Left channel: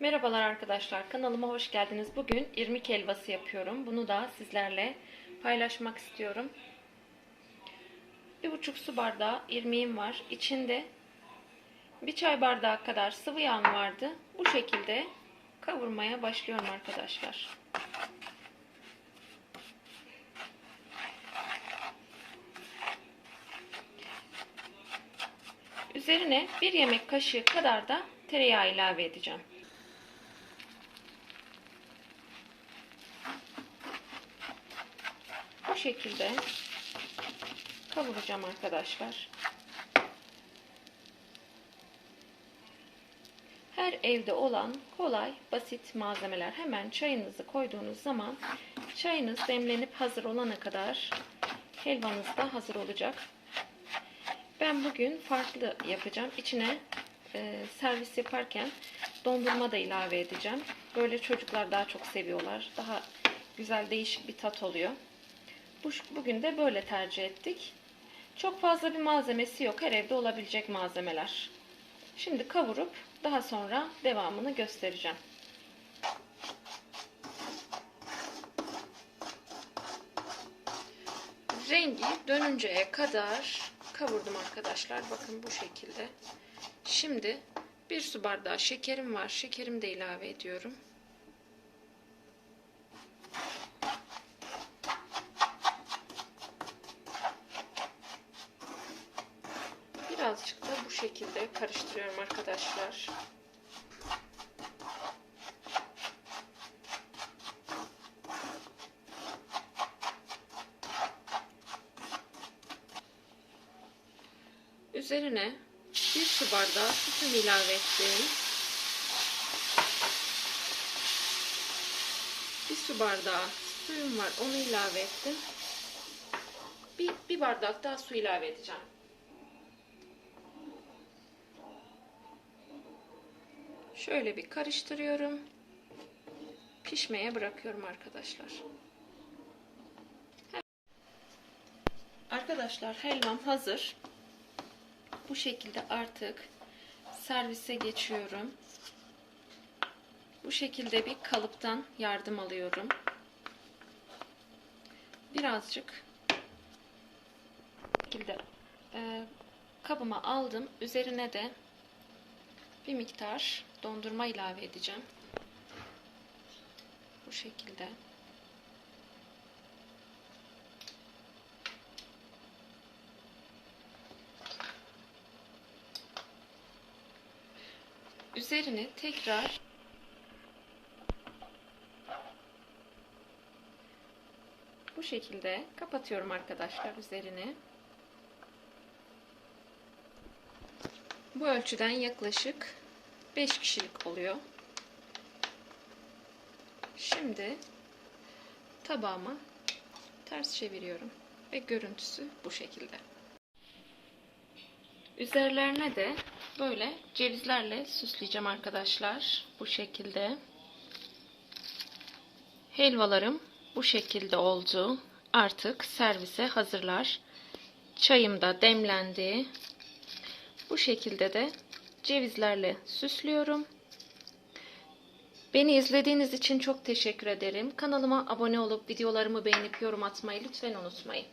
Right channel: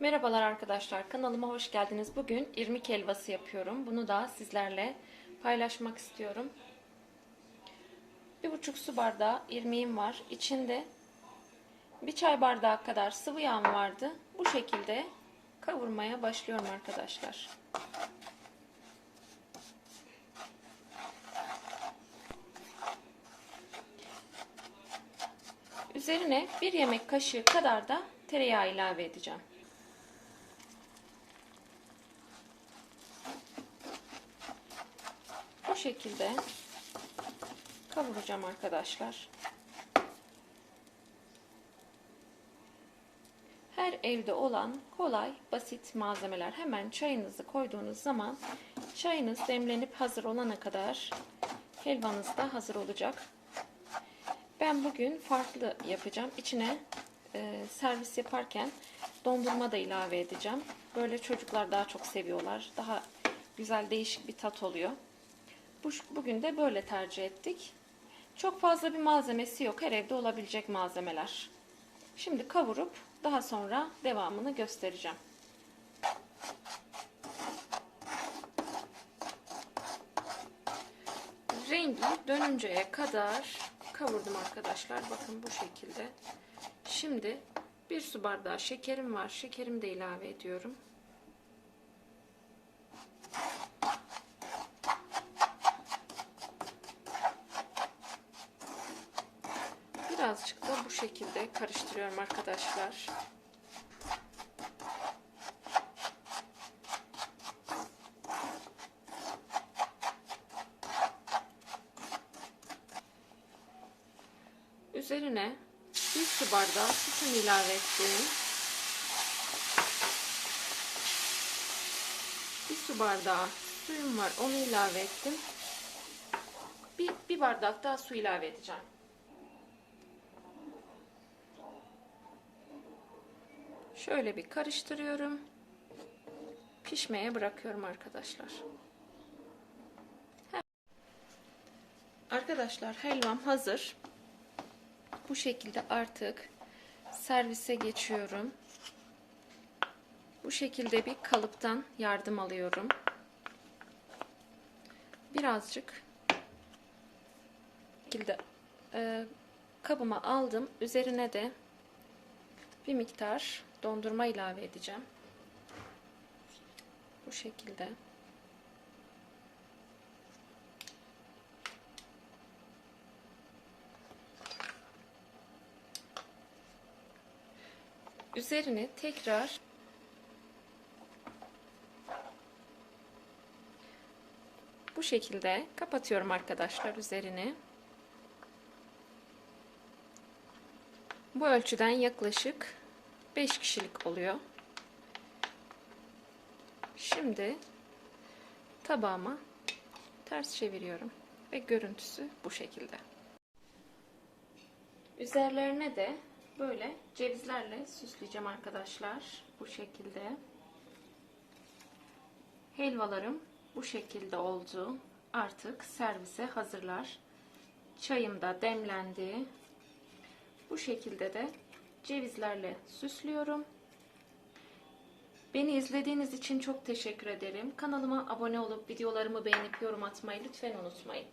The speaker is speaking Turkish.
Merhabalar arkadaşlar kanalıma hoş geldiniz. Bugün irmik helvası yapıyorum. Bunu da sizlerle paylaşmak istiyorum. Bir buçuk su bardağı irmiğim var. İçinde bir çay bardağı kadar sıvı yağım vardı. Bu şekilde kavurmaya başlıyorum arkadaşlar. Üzerine bir yemek kaşığı kadar da tereyağı ilave edeceğim. Bu şekilde kavuracağım arkadaşlar. Her evde olan kolay, basit malzemeler. Hemen çayınızı koyduğunuz zaman çayınız demlenip hazır olana kadar helvanız da hazır olacak. Ben bugün farklı yapacağım. İçine e, servis yaparken dondurma da ilave edeceğim. Böyle çocuklar daha çok seviyorlar. Daha güzel değişik bir tat oluyor. Bu, bugün de böyle tercih ettik. Çok fazla bir malzemesi yok. Her evde olabilecek malzemeler. Şimdi kavurup daha sonra devamını göstereceğim. Rengi dönünceye kadar kavurdum arkadaşlar. Bakın bu şekilde. Şimdi bir su bardağı şekerim var. Şekerimi de ilave ediyorum. Birazcık da bu şekilde karıştırıyorum arkadaşlar. Üzerine bir su bardağı sütümü ilave ettim. Bir su bardağı suyum var. Onu ilave ettim. Bir, bir bardak daha su ilave edeceğim. Şöyle bir karıştırıyorum. Pişmeye bırakıyorum arkadaşlar. Arkadaşlar helvam hazır. Bu şekilde artık servise geçiyorum. Bu şekilde bir kalıptan yardım alıyorum. Birazcık şekilde e, kabıma aldım. Üzerine de bir miktar dondurma ilave edeceğim. Bu şekilde. Üzerine tekrar bu şekilde kapatıyorum arkadaşlar üzerini. Bu ölçüden yaklaşık 5 kişilik oluyor. Şimdi tabağıma ters çeviriyorum ve görüntüsü bu şekilde. Üzerlerine de böyle cevizlerle süsleyeceğim arkadaşlar. Bu şekilde. Helvalarım bu şekilde oldu. Artık servise hazırlar. Çayım da demlendi. Bu şekilde de cevizlerle süslüyorum. Beni izlediğiniz için çok teşekkür ederim. Kanalıma abone olup videolarımı beğenip yorum atmayı lütfen unutmayın.